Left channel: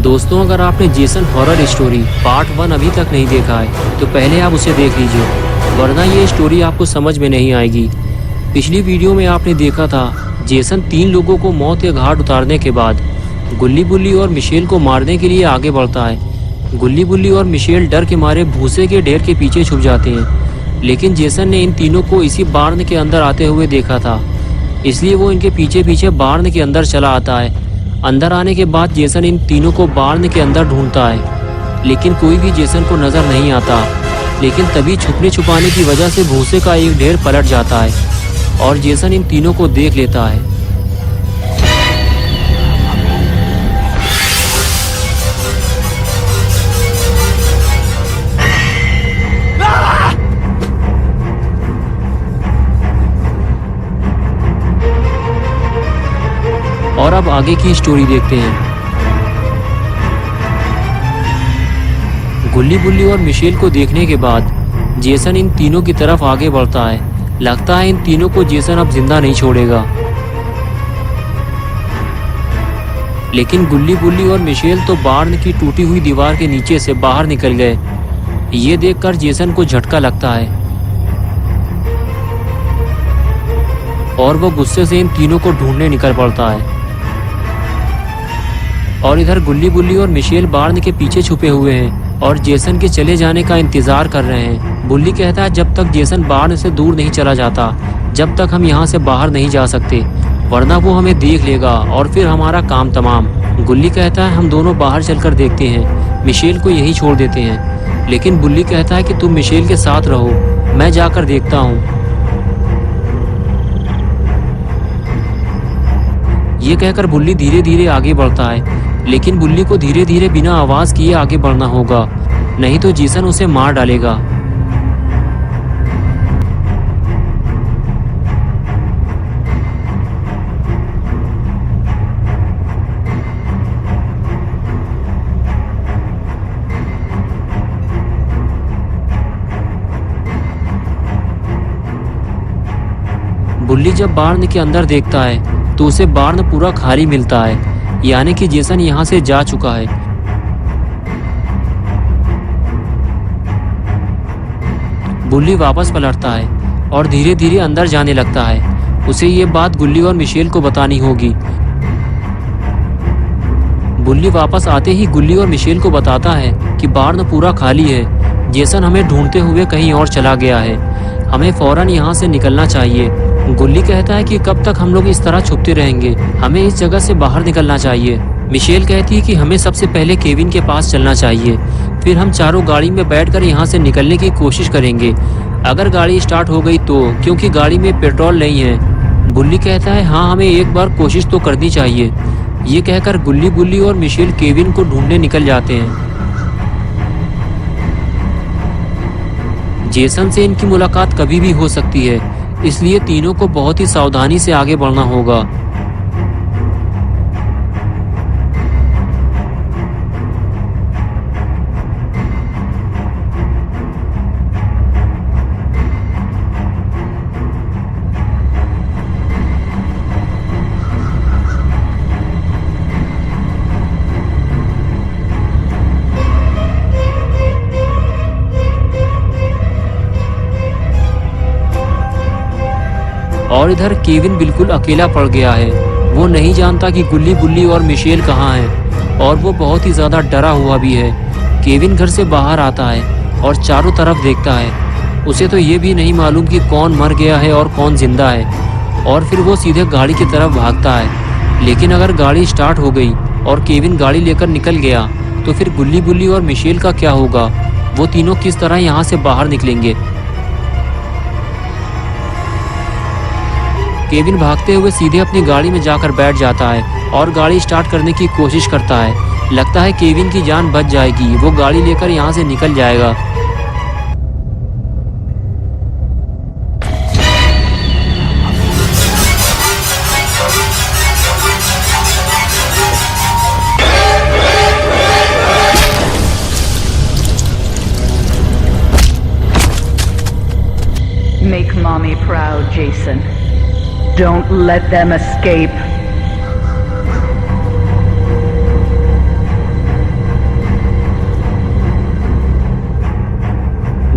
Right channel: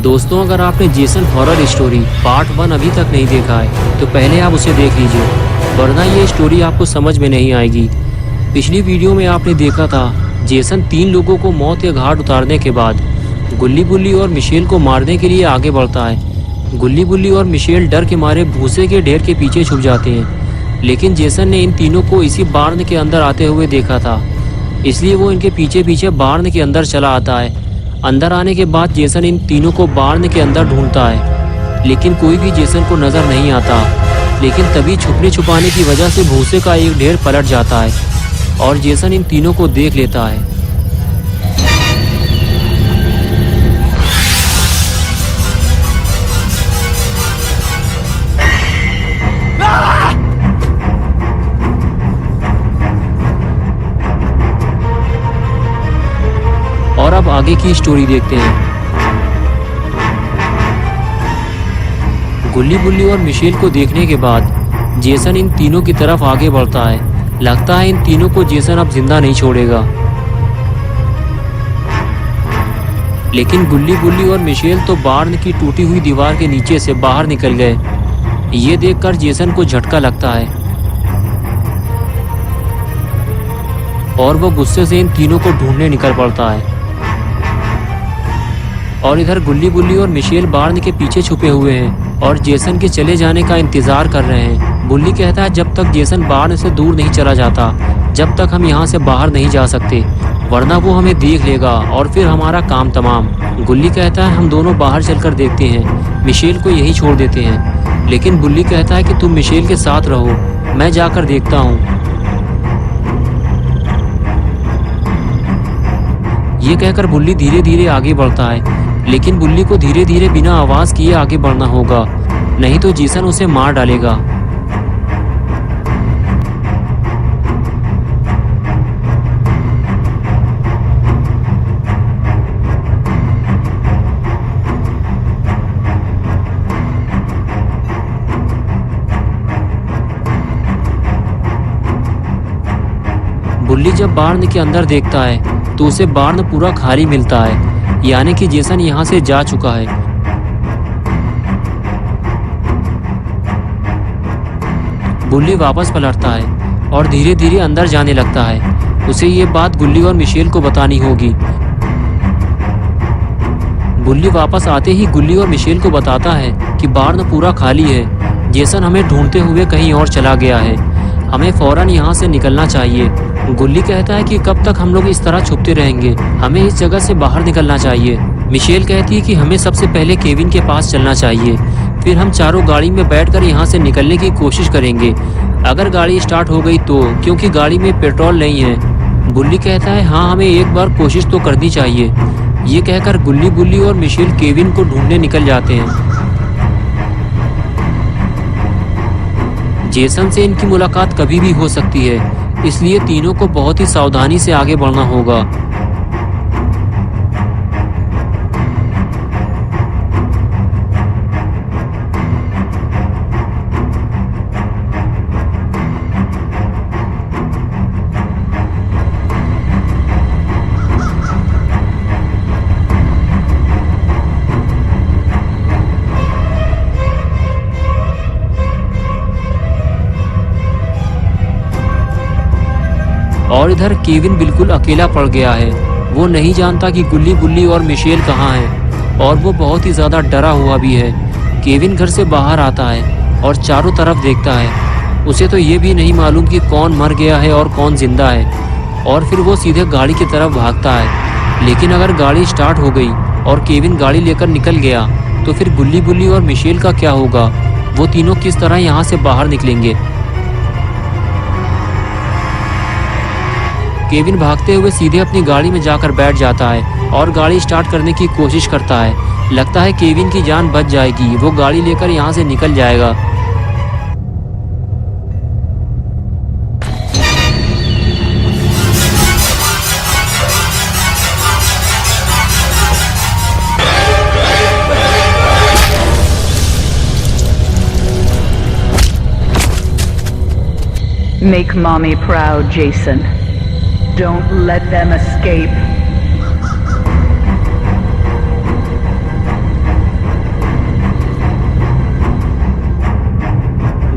दोस्तों, अगर आपने जेसन हॉरर स्टोरी पार्ट 1 अभी तक नहीं देखा है तो पहले आप उसे देख लीजिए, वरना ये स्टोरी आपको समझ में नहीं आएगी। पिछली वीडियो में आपने देखा था जेसन 3 लोगों को मौत के घाट उतारने के बाद गुल्ली बुल्ली और मिशेल को मारने के लिए आगे बढ़ता है। गुल्ली बुल्ली और मिशेल डर के मारे भूसे के ढेर के पीछे छुप जाते हैं, लेकिन जेसन ने इन तीनों को इसी बार्न के अंदर आते हुए देखा था, इसलिए वो इनके पीछे पीछे बार्न के अंदर चला आता है। अंदर आने के बाद जेसन इन तीनों को बार्न के अंदर ढूंढता है, लेकिन कोई भी जेसन को नजर नहीं आता। लेकिन तभी छुपने छुपाने की वजह से भूसे का एक ढेर पलट जाता है और जेसन इन तीनों को देख लेता है। और अब आगे की स्टोरी देखते हैं। गुल्ली बुल्ली और मिशेल को देखने के बाद जेसन इन तीनों की तरफ आगे बढ़ता है। लगता है इन तीनों को जेसन अब जिंदा नहीं छोड़ेगा, लेकिन गुल्ली बुल्ली और मिशेल तो बार्न की टूटी हुई दीवार के नीचे से बाहर निकल गए। ये देखकर जेसन को झटका लगता है और वो गुस्से से इन तीनों को ढूंढने निकल पड़ता है। और इधर गुल्ली बुल्ली और मिशेल बार्न के पीछे छुपे हुए हैं और जेसन के चले जाने का इंतजार कर रहे हैं। बुल्ली कहता है जब तक जेसन बार्न से दूर नहीं चला जाता, जब तक हम यहाँ से बाहर नहीं जा सकते, वरना वो हमें देख लेगा और फिर हमारा काम तमाम। गुल्ली कहता है हम दोनों बाहर चलकर देखते हैं, मिशेल को यही छोड़ देते हैं। लेकिन बुल्ली कहता है कि तुम मिशेल के साथ रहो, मैं जाकर देखता हूँ। ये कहकर बुल्ली धीरे धीरे आगे बढ़ता है, लेकिन बुल्ली को धीरे धीरे बिना आवाज किए आगे बढ़ना होगा, नहीं तो जेसन उसे मार डालेगा। बुल्ली जब बार्न के अंदर देखता है तो उसे बार्न पूरा खाली मिलता है, यानी कि जेसन यहाँ से जा चुका है। बुल्ली वापस पलटता है और धीरे धीरे अंदर जाने लगता है। उसे ये बात गुल्ली और मिशेल को बतानी होगी। बुल्ली वापस आते ही गुल्ली और मिशेल को बताता है कि बार्न पूरा खाली है, जेसन हमें ढूंढते हुए कहीं और चला गया है, हमें फौरन यहाँ से निकलना चाहिए। गुल्ली कहता है कि कब तक हम लोग इस तरह छुपते रहेंगे, हमें इस जगह से बाहर निकलना चाहिए। मिशेल कहती है कि हमें सबसे पहले केविन के पास चलना चाहिए, फिर हम चारों गाड़ी में बैठकर यहाँ से निकलने की कोशिश करेंगे। अगर गाड़ी स्टार्ट हो गई तो, क्योंकि गाड़ी में पेट्रोल नहीं है। बुल्ली कहता है हाँ, हमें एक बार कोशिश तो करनी चाहिए। ये कहकर गुल्ली बुल्ली और मिशेल केविन को ढूंढने निकल जाते हैं। जेसन से इनकी मुलाकात कभी भी हो सकती है, इसलिए तीनों को बहुत ही सावधानी से आगे बढ़ना होगा। और इधर केविन बिल्कुल अकेला पड़ गया है। वो नहीं जानता कि गुल्ली बुल्ली और मिशेल कहाँ हैं, और वो बहुत ही ज़्यादा डरा हुआ भी है। केविन घर से बाहर आता है और चारों तरफ देखता है। उसे तो ये भी नहीं मालूम कि कौन मर गया है और कौन जिंदा है। और फिर वो सीधे गाड़ी की तरफ भागता है। लेकिन अगर गाड़ी स्टार्ट हो गई और केविन गाड़ी लेकर निकल गया तो फिर गुल्ली बुल्ली और मिशेल का क्या होगा? वो तीनों किस तरह यहाँ से बाहर निकलेंगे? केविन भागते हुए सीधे अपनी गाड़ी में जाकर बैठ जाता है और गाड़ी स्टार्ट करने की कोशिश करता है। लगता है केविन की जान बच जाएगी, वो गाड़ी लेकर यहाँ से निकल जाएगा। Make mommy proud, Jason. Don't let them escape.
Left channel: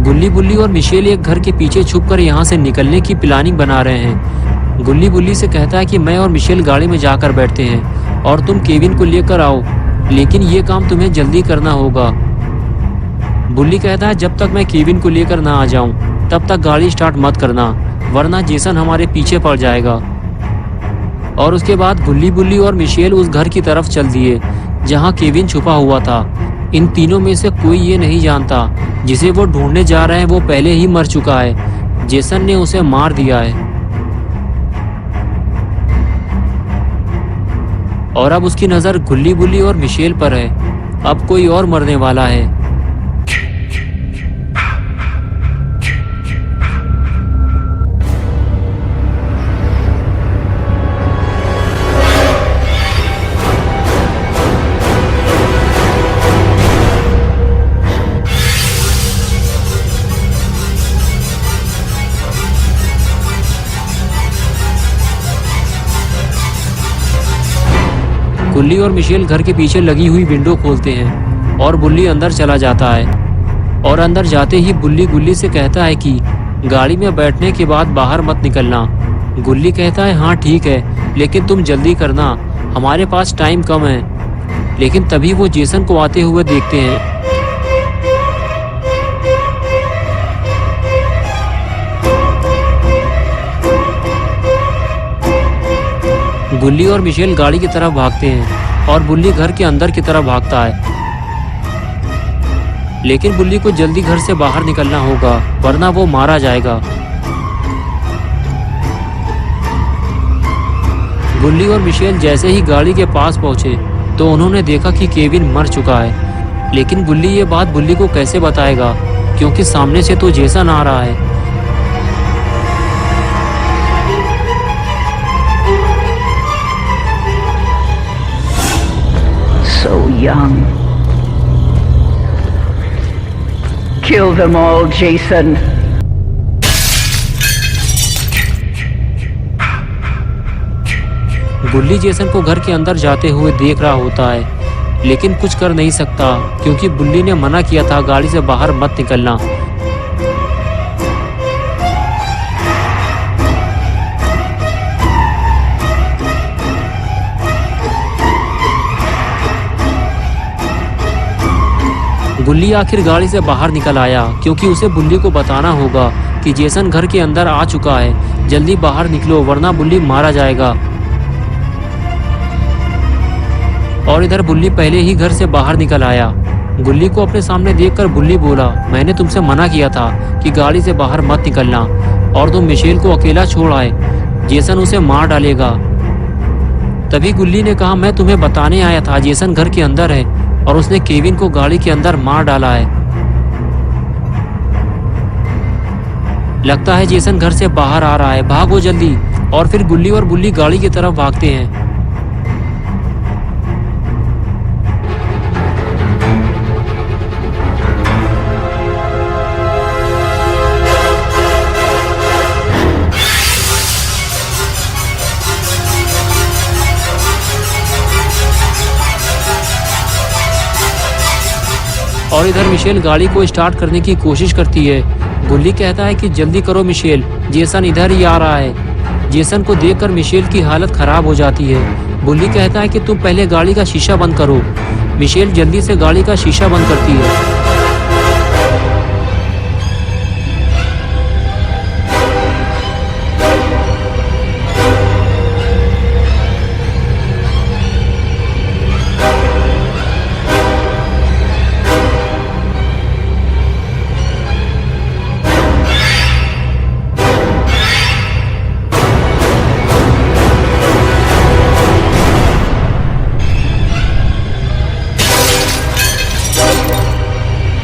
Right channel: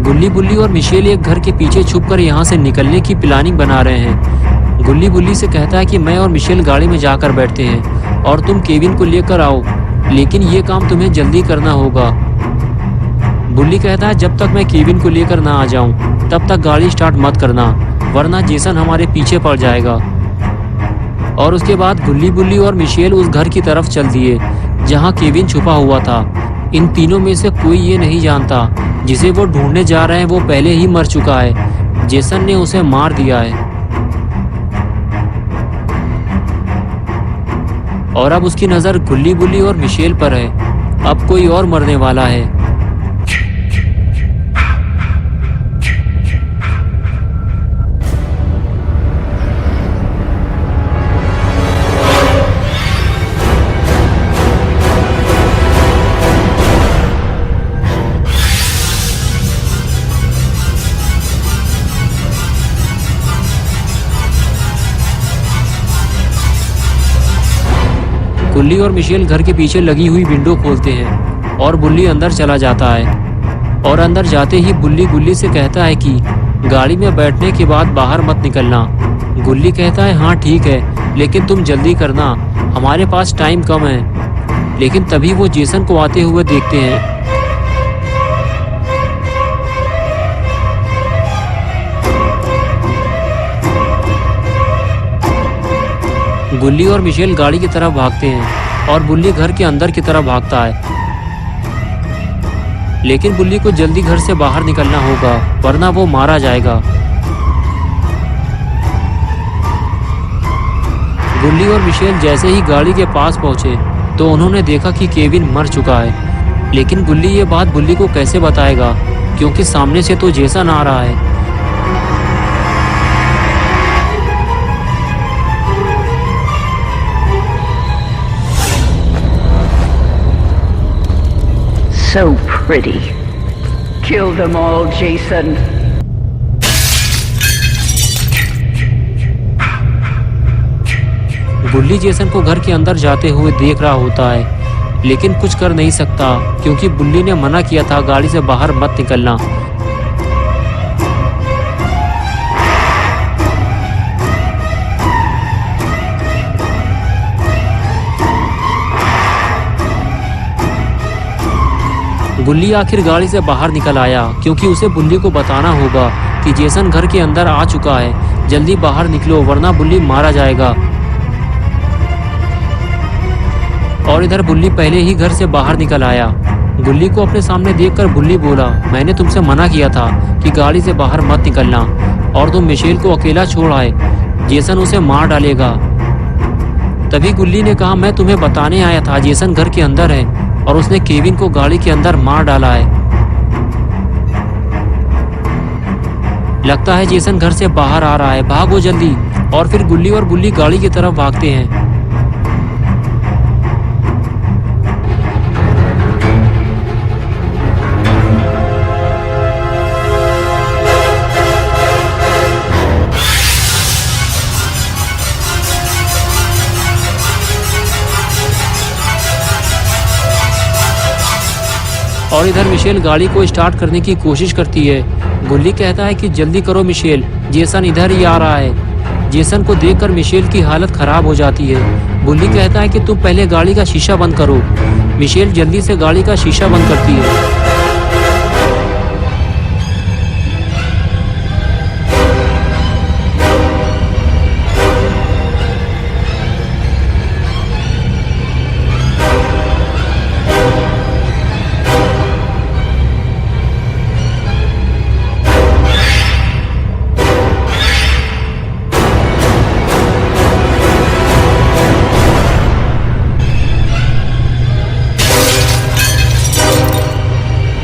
गुल्ली बुल्ली और मिशेल एक घर के पीछे छुपकर यहाँ से निकलने की प्लानिंग बना रहे हैं। गुल्ली बुल्ली से कहता है कि मैं और मिशेल गाड़ी में जाकर बैठते हैं और तुम केविन को लेकर आओ, लेकिन ये काम तुम्हें जल्दी करना होगा। बुल्ली कहता है जब तक मैं केविन को लेकर ना आ जाऊं तब तक गाड़ी स्टार्ट मत करना, वरना जेसन हमारे पीछे पड़ जाएगा। और उसके बाद गुल्ली बुल्ली और मिशेल उस घर की तरफ चल दिए जहां केविन छुपा हुआ था। इन तीनों में से कोई ये नहीं जानता जिसे वो ढूंढने जा रहे हैं वो पहले ही मर चुका है। जेसन ने उसे मार दिया है और अब उसकी नजर गुल्ली बुल्ली और मिशेल पर है। अब कोई और मरने वाला है। गुल्ली और मिशेल घर के पीछे लगी हुई विंडो खोलते हैं और बुल्ली अंदर चला जाता है। और अंदर जाते ही बुल्ली गुल्ली से कहता है कि गाड़ी में बैठने के बाद बाहर मत निकलना। गुल्ली कहता है हाँ ठीक है, लेकिन तुम जल्दी करना, हमारे पास टाइम कम है। लेकिन तभी वो जेसन को आते हुए देखते हैं। गुल्ली और मिशेल गाड़ी की तरफ भागते हैं और बुल्ली घर के अंदर की तरफ भागता है। लेकिन बुल्ली को जल्दी घर से बाहर निकलना होगा, वरना वो मारा जाएगा। गुल्ली और मिशेल जैसे ही गाड़ी के पास पहुंचे तो उन्होंने देखा कि केविन मर चुका है। लेकिन गुल्ली ये बात बुल्ली को कैसे बताएगा, क्योंकि सामने से तो जेसन आ रहा है। Young, so pretty. Kill them all, Jason. गुल्ली जेसन को घर के अंदर जाते हुए देख रहा होता है, लेकिन कुछ कर नहीं सकता क्योंकि बुल्ली ने मना किया था गाड़ी से बाहर मत निकलना। गुल्ली आखिर गाड़ी से बाहर निकल आया क्योंकि उसे बुल्ली को बताना होगा कि जेसन घर के अंदर आ चुका है। जल्दी बाहर निकलो वरना बुल्ली मारा जाएगा। और इधर बुल्ली पहले ही घर से बाहर निकल आया। गुल्ली को अपने सामने देखकर बुल्ली बोला, मैंने तुमसे मना किया था कि गाड़ी से बाहर मत निकलना और तुम मिशेल को अकेला छोड़ आए, जेसन उसे मार डालेगा। तभी गुल्ली ने कहा, मैं तुम्हें बताने आया था जेसन घर के अंदर है और उसने केविन को गाड़ी के अंदर मार डाला है। लगता है जेसन घर से बाहर आ रहा है, भागो जल्दी। और फिर गुल्ली और बुल्ली गाड़ी की तरफ भागते हैं। और इधर मिशेल गाड़ी को स्टार्ट करने की कोशिश करती है। गुल्ली कहता है कि जल्दी करो मिशेल, जेसन इधर ही आ रहा है। जेसन को देखकर मिशेल की हालत खराब हो जाती है। बुल्ली कहता है कि तुम पहले गाड़ी का शीशा बंद करो। मिशेल जल्दी से गाड़ी का शीशा बंद करती है।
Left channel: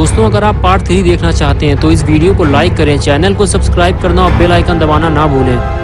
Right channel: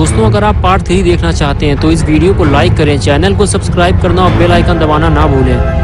दोस्तों अगर आप पार्ट 3 देखना चाहते हैं तो इस वीडियो को लाइक करें, चैनल को सब्सक्राइब करना और बेल आइकन दबाना ना भूलें।